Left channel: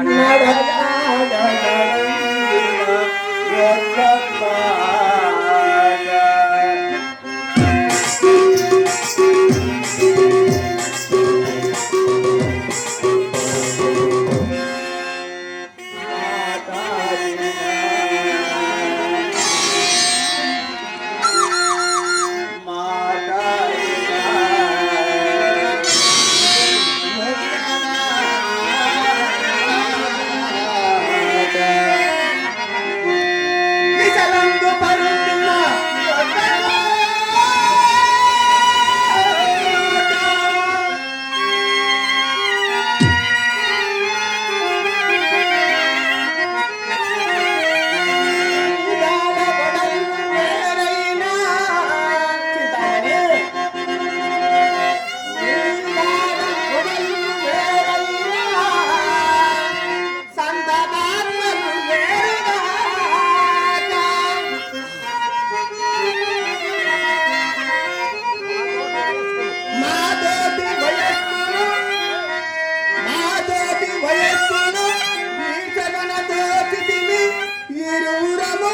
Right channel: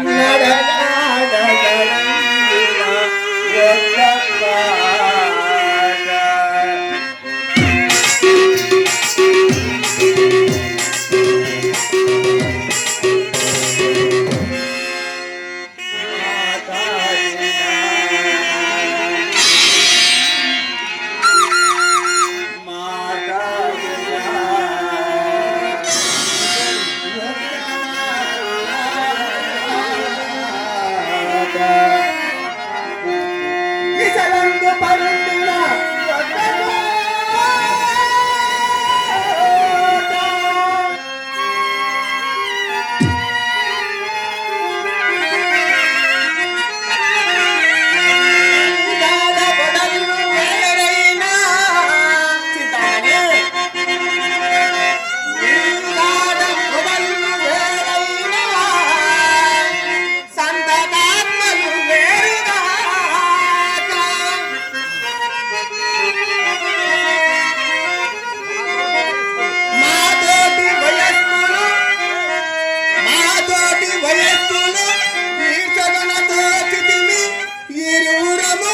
ನಡ మాతోటి వయస్సులు ఈ చదనతో చితిమి ఇరువురము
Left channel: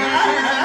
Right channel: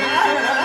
تعال